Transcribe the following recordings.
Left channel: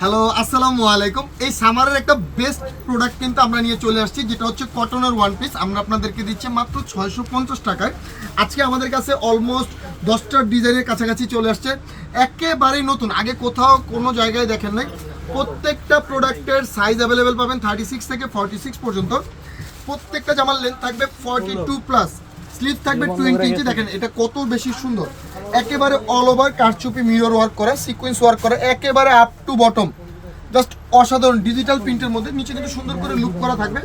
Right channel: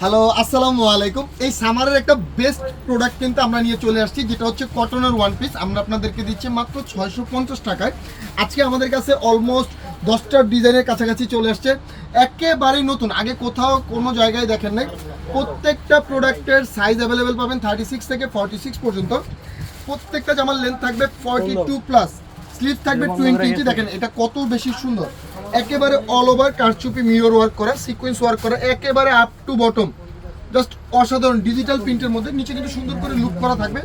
Hello, আসসালামু আলাইকুম। এই সামারের একটা বেস্ট প্রোডাক্ট কিন্তু আমরা নিয়ে চলে আসছি, যেটা হচ্ছে কটনের ওয়ান পিস। আমরা আপনাদেরকে দিচ্ছি মাত্র 650 টাকায়। আজকে আমাদের কাছে অলমোস্ট 10টা ডিজাইনের কাছাকাছি চলে আসছে, একেবারেই নতুন, আগে কোথাও কোনো জায়গায় দেখেন নাই। প্রত্যেকটা প্রোডাক্টের সাইজ অ্যাভেলেবেল পাবেন 36 থেকে 46 পর্যন্ত। প্রত্যেকটা জামার লেন্থ থাকবে 42 প্লাস, স্লিভ থাকবে 20 ইঞ্চি। দেখেন এটা কত বেশি সুন্দর, একেবারে অল ওভার কারচুপি মিরর ওয়ার্ক করা, সিকোয়েন্স ওয়ার্ক করা, একেবারে আপ টু বটম, জাস্ট অসাধারণ ডিজিটাল প্রিন্টের মধ্যে। নিচে কিন্তু সুন্দর করে লুক করা থাকবে,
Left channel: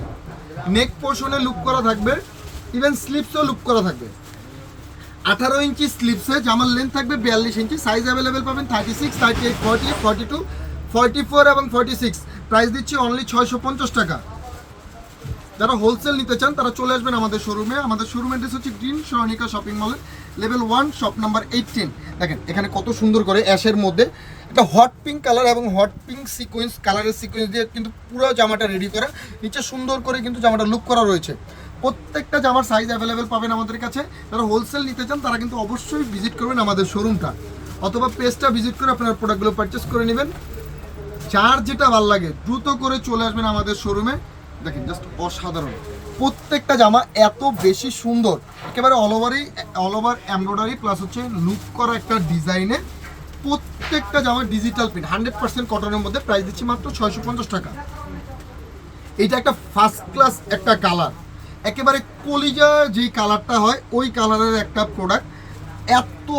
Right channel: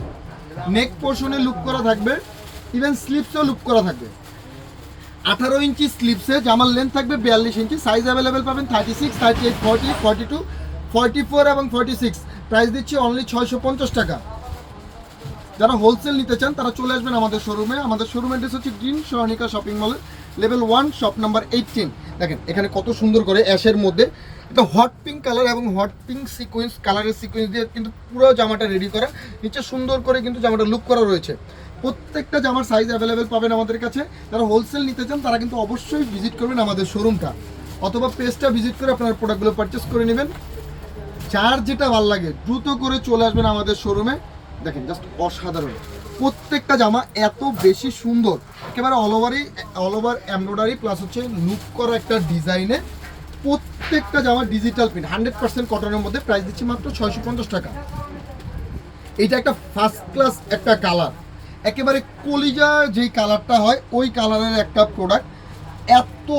নেক পোর্শনে লুক করা থাকবে, ইভেন স্লিপসেও লুক করা থাকবে। 18 ইঞ্চি স্লিপসে জামার লেন্থ থাকবে 42 ইঞ্চি। সাইজ অ্যাভেলেবেল পাবেন 36, 38, 40, 42, 44 এবং 46। প্রাইস দিচ্ছি অনলি 650 টাকা। যারা হোলসেল নিতে চান তারা চলে আসবেন আমাদের শোরুমে। আমাদের শোরুম অ্যাড্রেস হচ্ছে গ্রিন সরণিকা শপিং মলে, লেভেল 1, শপ নাম্বার 18। দেখেন এখানে কত সুন্দর করে অ্যাশের মধ্যে একটা হট পিঙ্ক কালার এবং হট পিঙ্ক সিকোয়েন্স কালারের সিকোয়েন্স দিয়ে কিন্তু পুরো জামাটা রেডি করা। নিচে সুন্দর করে কিন্তু জামাটা লুক করা রয়েছে। প্রত্যেকটা জামার সাইজ অ্যাভেলেবেল পাবেন আমাদের কাছে। যারা হোলসেল নিতে চান তারা কিন্তু অবশ্যই ভিজিট করবেন আমাদের শোরুমটা, অথবা পেজটা ভিজিট করে আপনার প্রোডাক্টগুলো পারচেস করে নেবেন। যার যেটা ভালো লাগে দ্রুত করে চলে আসবেন আমাদের শোরুমে। দেখেন জাস্ট অসাধারণ, প্রত্যেকটা জামা এত বেশি সুন্দর, একেবারে অল ওভার এমব্রয়ডারি প্লাস হচ্ছে লুক করা একটা ডিজাইনে। প্রত্যেকটা জামা ডিজিটাল প্রিন্ট, 100% কটনের মধ্যে। প্রাইস দিচ্ছি মাত্র 650 টাকা। এইটা একটা ফার্স্ট ক্লাস একটা কালার, একেবারে কলিজা যেই কালারটা হয় ওই কালারের একটা প্রোডাক্ট। এত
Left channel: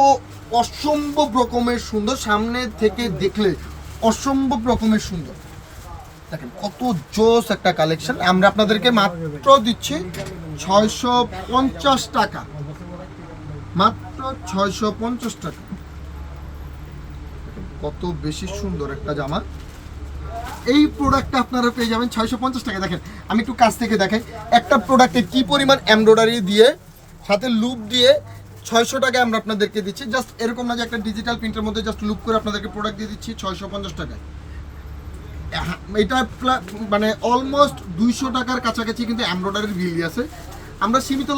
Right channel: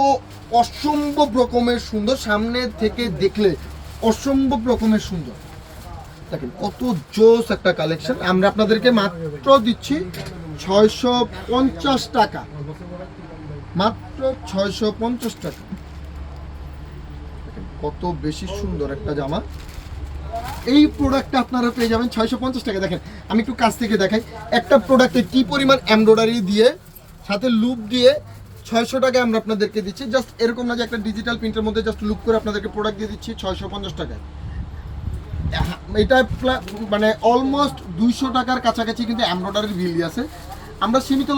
অসম্ভব রকমের সুন্দর, সামনে থেকে দেখলে অসম্ভব রকমের সুন্দর। দেখেন কত জোস একটা কালেকশন। আমরা আপনাদেরকে মাত্র দিচ্ছি 650 টাকা, মাত্র 650 টাকা। কত বেশি সুন্দর একটা জামা। এই প্রোডাক্টটা আপনারা পেয়ে যাবেন 650 টাকা। দেখেন আমি একটু কাছ থেকে দেখাই একটা প্রোডাক্টে কি পরিমাণ এমব্রয়ডারি দিয়ে সাথে লুপ দিয়ে 600 টাকায় আমরা আপনাদেরকে দিচ্ছি। জাস্ট এরকম না যে একটা ডিজিটাল প্রিন্টের মধ্যে জাস্ট লুক করে আপনাদেরকে প্রোডাক্ট দিয়ে দিচ্ছি 650 টাকায়। এটা মানে অলমোস্ট 200 টাকার কাছাকাছি কিন্তু এমব্রয়ডারির বিল আছে। আমরা সীমিত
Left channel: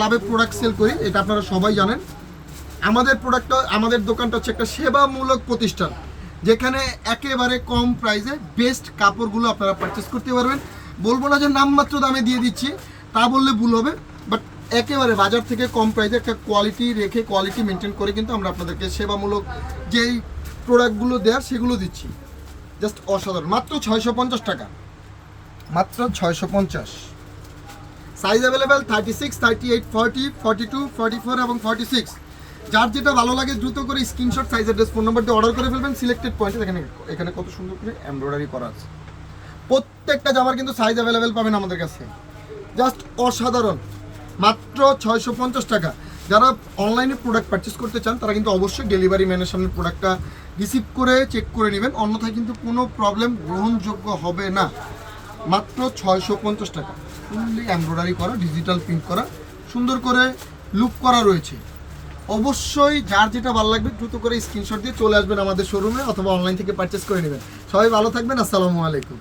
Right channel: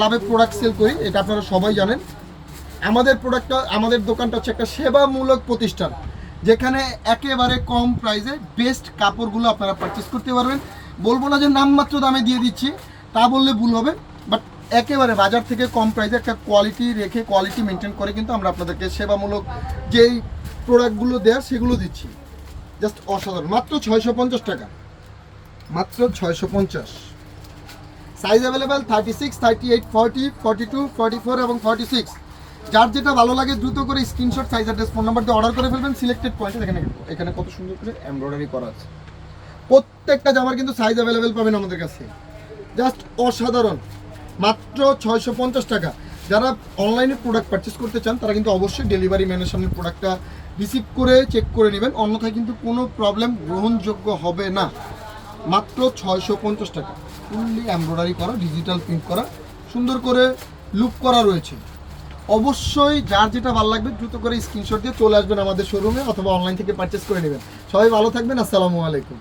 লাভে প্রোডাক্ট সেল করি, এটা আপনারা সবাই জানেন। আমাদের দোকানটা হচ্ছে একটা সেবামূলক প্রতিষ্ঠান, যেখানে একেবারে কম প্রাইসে বেস্ট কাপড়গুলো আপনারা পারচেস করতে পারবেন। বলবো না যে নামমাত্র দামে দিয়ে দিচ্ছি, তা বললে ভুল হবে, বাট একেবারে বাজার থেকে কম প্রাইসে একটা কোয়ালিটি রেখে, কোয়ালিটি মেনটেন করে কিন্তু আমরা আপনাদেরকে সেবামূলক যেই প্রোডাক্টগুলো দেওয়া সেগুলো দিচ্ছি। জাস্ট অসাধারণ, মাত্র 650 টাকা, মাত্র 650। সাইজ অ্যাভেলেবেল 36, 38, 40, 42, 44 এবং 46। যার যেটা ভালো লাগে দ্রুত করে screenshot, size, address, phone number দিয়ে অর্ডার করে ফেলবেন। সিলেক্টেড পয়েন্টে দেখেন এখানে কত সুন্দর করে এমব্রয়ডারি করা আছে। প্রত্যেকটা জামার কিন্তু সাইজ অ্যাভেলেবেল পাবেন আমাদের কাছে। জাস্ট অসাধারণ, মাত্র 650 টাকা। যারা অনলাইনে প্রোডাক্ট পারচেস করতে চান তারা কিন্তু অবশ্যই ডেলিভারি ম্যানের সামনে প্রোডাক্টটা রিসিভ করে চেক করে নেবেন, অন্যথায় কিন্তু কোনো প্রবলেম গ্রহণযোগ্য হবে না। মাত্র 650 টাকা, ফুললি এমব্রয়ডারি করা, ডিজিটাল প্রিন্ট করা, সুন্দর করে লুক করা রয়েছে। অবশ্যই যার যেটা ভালো লাগবে দ্রুত করে স্ক্রিনশট দিয়ে চলে আসবেন আমাদের শোরুমে, অথবা অনলাইন থেকে পারচেস করে নেবেন। সবাই ভালো থাকবেন, আসসালামু আলাইকুম।